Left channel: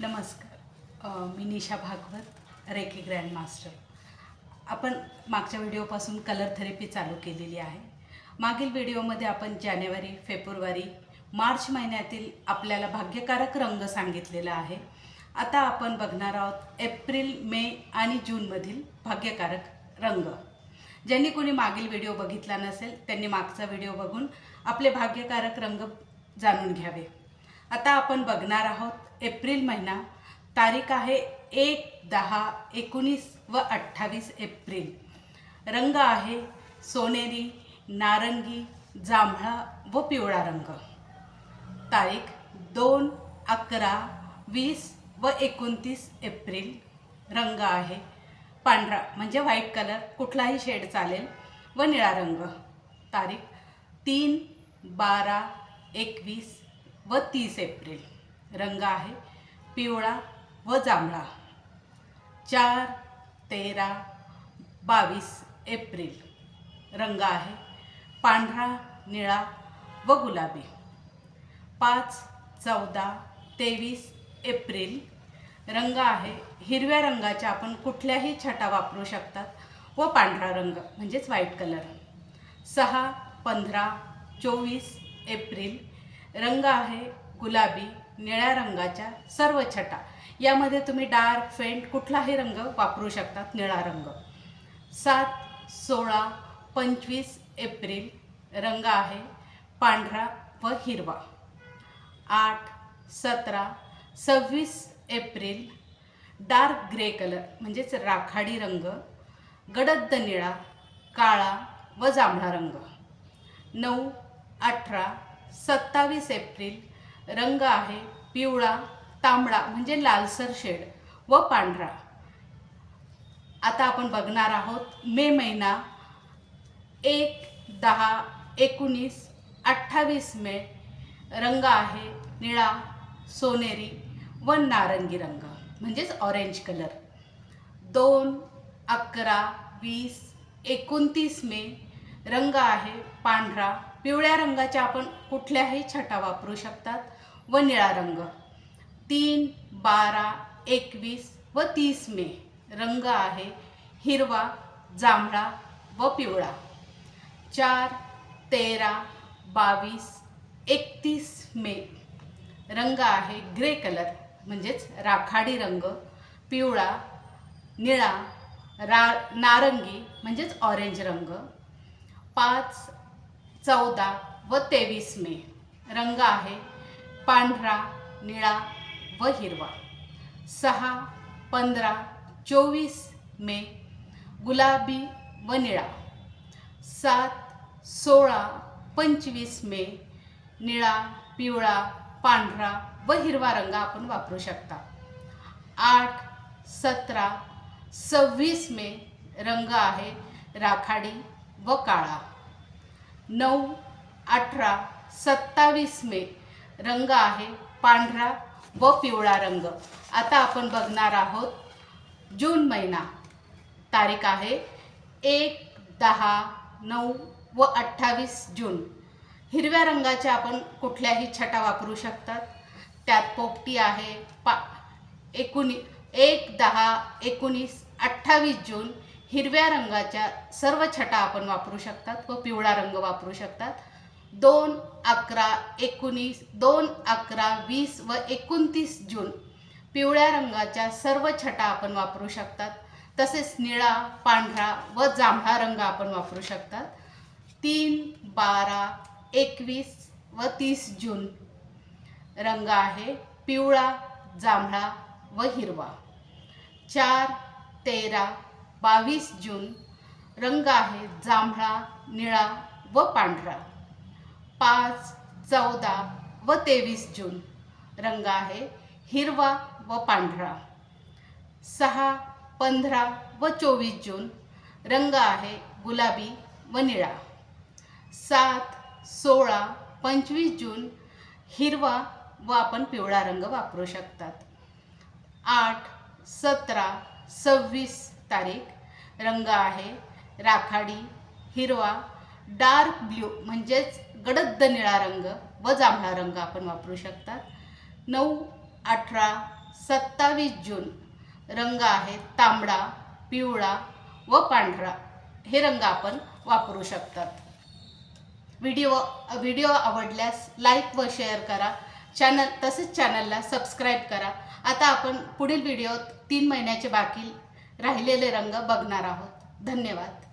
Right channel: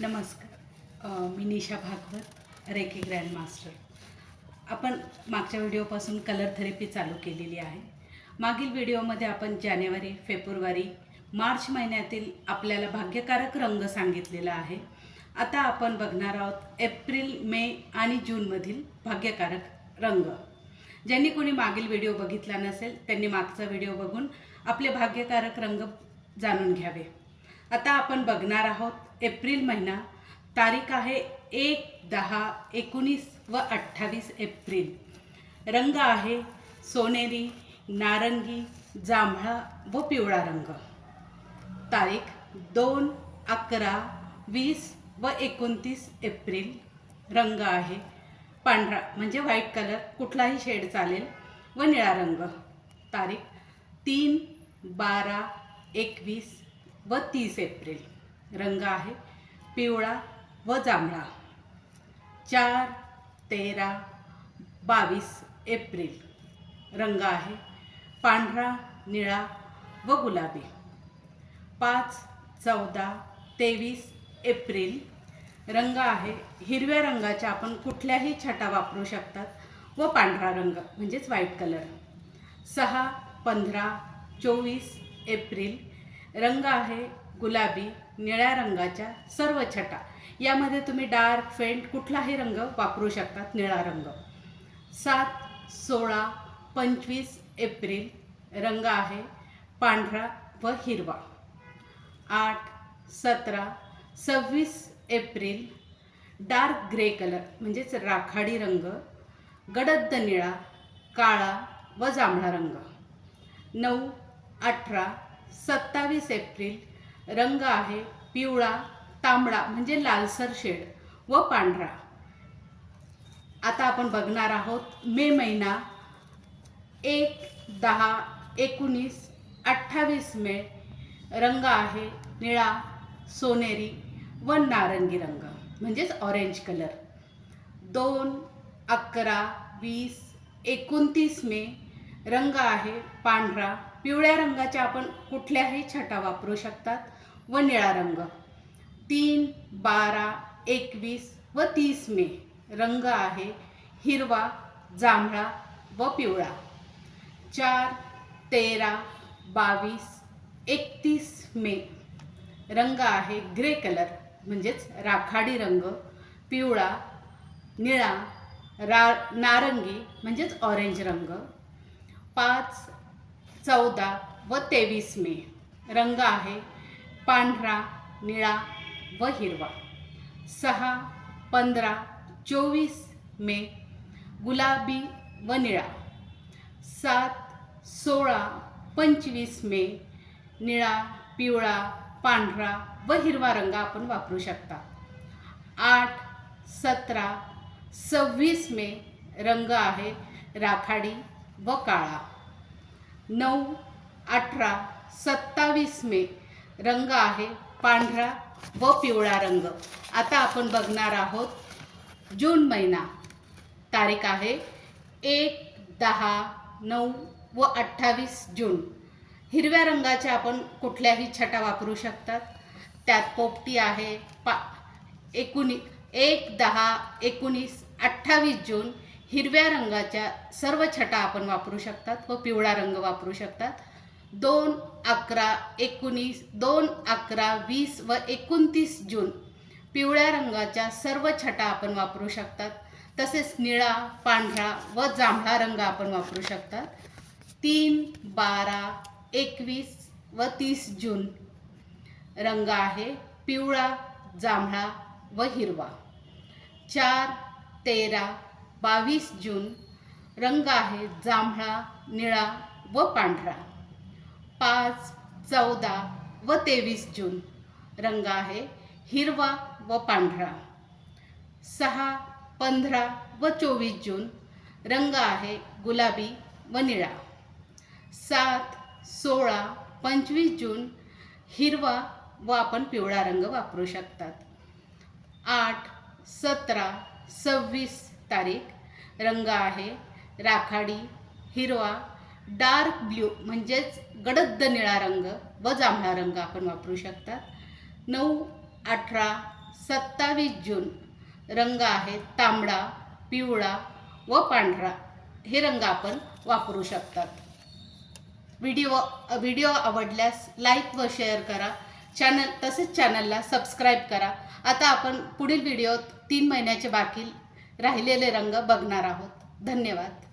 नमस्कार. मी निशा Bhagwat, reiki grand master. आपण मागच्या व्हिडिओपासून कलर थेरपी चालू केलेली आहे. मागील व्हिडिओमध्ये आपण जानेवारी, फेब्रुवारी, मार्च महिन्यातील आपल्याला भाग्यकारक रंग सांगितलेला आहे. आता आपण बघणार आहोत एप्रिल, मे आणि जूनमधील भाग्यकारक रंग. ज्यांनी कोणी मागील व्हिडिओ बघितला नसेल त्यांनी मागचा व्हिडिओ बघून आपले भाग्यकारक रंग जाणून घ्यावे. आता आपण बघणार आहोत एप्रिल महिना. तारीख आहे 1, 10, 19 व 28 एप्रिल. रंग आहे सोनेरी, नारंगी, जांभळा व पिवळा रंग. तारीख 2, 11, 20 व 29 एप्रिल. रंग आहे पांढरा म्हणजे व्हाईट कलर, कुठलाही शेड चालेल, व निळा रंग. तारीख 3, 12, 21 व 30 एप्रिल. रंग आहे पिवळा व जांभळा. 4, 13, 22 एप्रिल. रंग आहे पांढरा, निळा व गुलाबी. 5, 14, 23 एप्रिल. रंग आहे हिरव्या रंगाच्या आपण कुठल्याही छटा वापरू शकतात व पांढरा रंग म्हणजेच व्हाईट कलर. 6, 15, 24 एप्रिल. रंग आहे गुलाबी, निळ्या रंगाच्या सर्व छटा. यामध्ये तुम्ही डार्क, फेंट कुठलाही रंग वापरू शकतात, निळा रंग. 7, 16, 25 एप्रिल. रंग आहे पांढरा व हिरवा. 8, 17, 26 एप्रिल. डार्क ग्रे कलर म्हणजेच राखाडी रंग, गडद निळा, काळा व जांभळा रंग. 9, 18, 27 एप्रिल. रंग आहे पिवळा, तांबडा म्हणजे लालसर शेड व पांढरा. आता आपण बघणार आहोत मे महिना. 1, 10, 19, 28 मे. रंग आहे निळा, सोनेरी व नारंगी रंग म्हणजेच ऑरेंज कलर. 2, 11, 20, 29 मे. रंग आहे पांढरा, पिवळ्या रंगाच्या आपण कुठल्याही छटा वापरू शकतात व निळा रंग. 3, 12, 21 व 30 मे. रंग आहे हिरवा, जांभळा व पिवळा. 4, 13, 22, 31 मे. रंग आहे ग्रे कलर म्हणजेच राखाडी रंग, पिवळा, निळा, नारंगी म्हणजेच ऑरेंज रंग. 5, 14 व 23 मे. रंग आहे पांढरा, निळा व हिरवा. 6, 15, 24 मे. गुलाबी व निळा. 7, 16, 25 मे. निळा, पिवळा, पांढरा व हिरवा रंग आपण वापरू शकता. 8, 17, 26 मे. रंग आहे राखाडी व काळा. 9, 18, 27 मे. रंग आहे पांढरा व पिवळा रंग. आता आपण बघणार आहोत जून महिना. तारीख आहे 1, 10, 9 व 28 जून. हिरव्या रंगाच्या आपण कुठल्याही छटा वापरू शकतात. त्यात पोपटी आहे. 1, 10, 19, 28 जून. हिरव्या रंगाच्या सर्व छटा आपण वापरू शकतात व पिवळा रंग वापरू शकतात. 2, 11, 19, 2, 11, 20 व 29 जून. पिवळ्या रंगाच्या सर्व छटा आपण वापरू शकतात. तसेच निळा, पांढरा व जांभळा रंग आपण वापरू शकतात. 3, 12, 21 व 30 जून. रंग आहे पिवळा, जांभळा व हिरवा. 4, 13, 22 जून. रंग आहे जांभळा, निळा व पांढरा. 5, 14 व 23 जून. रंग आहे हिरवा व पांढरा. 6, 15 व 24 जून. रंग आहे गुलाबी व निळा. 7, 16, 25 जून. हिरवा व आपण पिवळा रंग वापरू शकतात. 8, 17, 26 तारीख. रंग आहे राखाडी, हिरवा, डार्क ब्ल्यू म्हणजेच गडद निळा रंग व जांभळा रंग आपण वापरू शकतात. 9, 18, 27 जून रंग आहेत तांबडा, पिवळा व पांढरा, हे रंग आपण वापरू शकतात. व्हिडिओ आवडल्यास लाईक व शेअर करा. तसेच चॅनलला सबस्क्राईब करा. आता आपण पुढील व्हिडिओत 3 महिन्याचे बाकी राहिलेले रंग बघणार आहोत. धन्यवाद.